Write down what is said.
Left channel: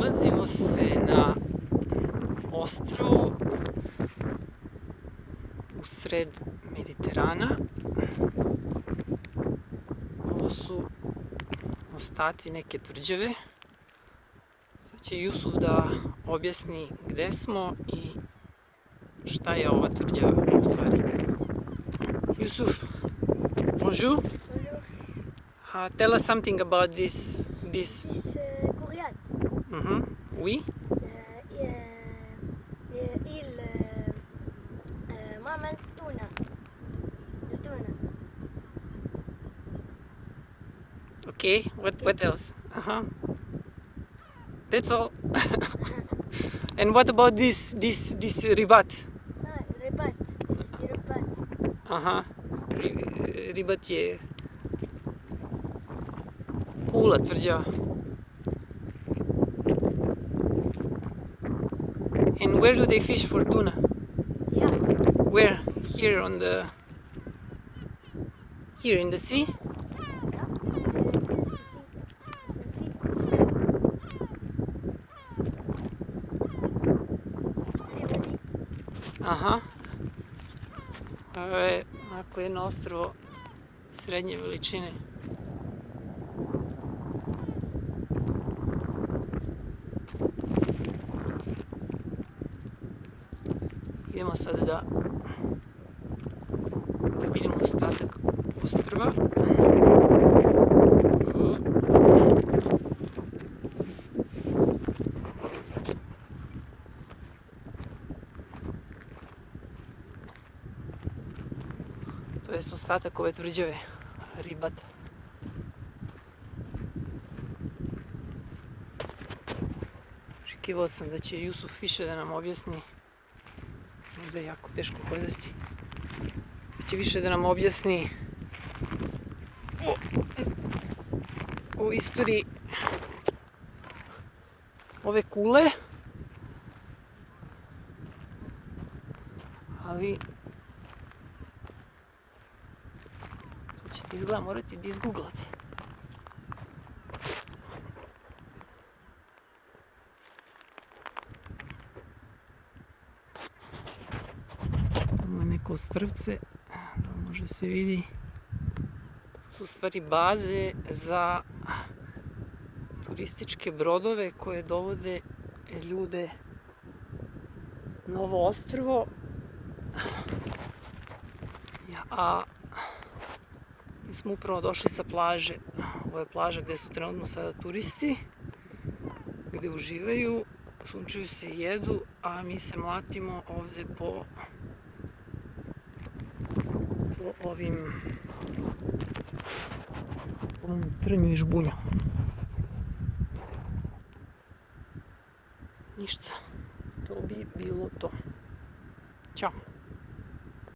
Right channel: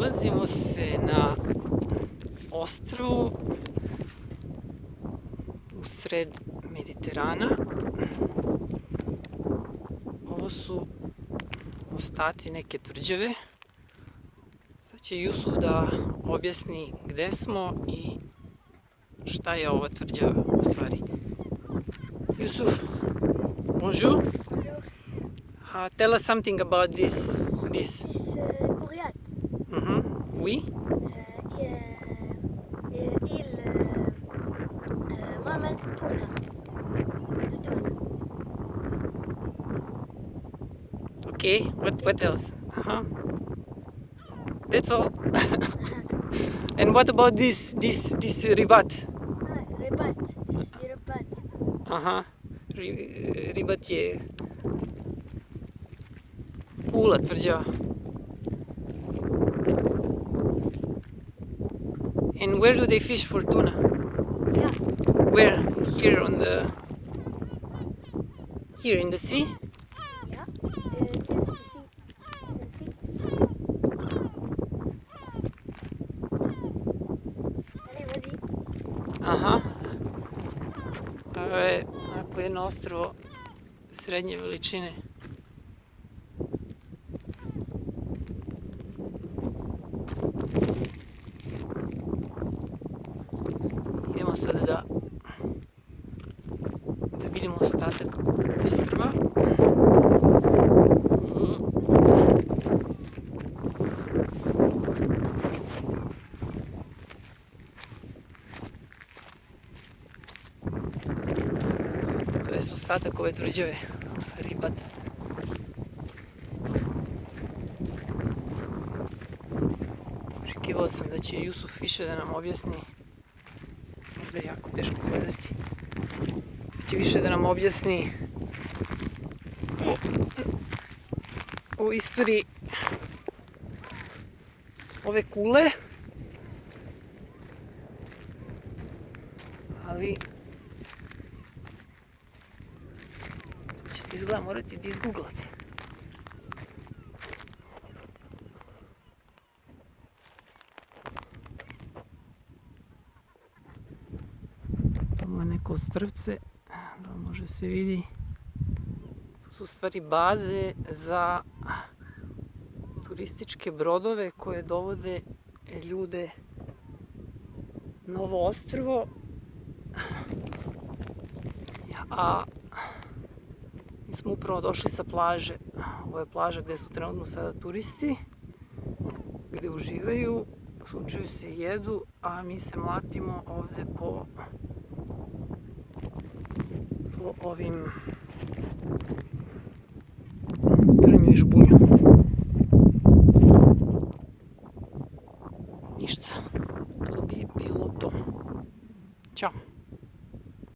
Nalazimo se na ostrvu usred Mediterana. Ovo su ostaci neke tvrđave. Sad će Jusuf da objasni gde smo i šta je ova tvrđava u stvari. Jusuf, bonjour. Tell us something about this. This is Coryat. Oui. Il معمل تونة. التونة. Okay. What else? That's all. And what about this ribat? Ribat. This is the ribat. Ribat je kula tvrđava. And where do they fish for tuna? Yeah. Where? Here in the sea? Ovo je onako jedno ostrvo srednje veličine. Idemo sad da vidimo ostatak ostrva. To je ostatak ove tvrđave, Ribat. Očekivao sam da će Jusuf više da nam objasni. Možda je jako teško gledati. Da će više da nam objasni o istoriji ove kule. Ali to ćete izgleda morati da izguglate. Ovo je neko ostrvce, da može se vidi. To su u stvari baze za turističke brodove koje dovode ljude na ovo ostrvo. A mi smo upravo došli sa plaže. Ovo je plaža gde su trenutno sada turisti, gde uživaju, sunčaju se i jedu, a mi se mlatimo ovde po ovim trnju i žbunju. Ništa, to bi bilo to. Ćao.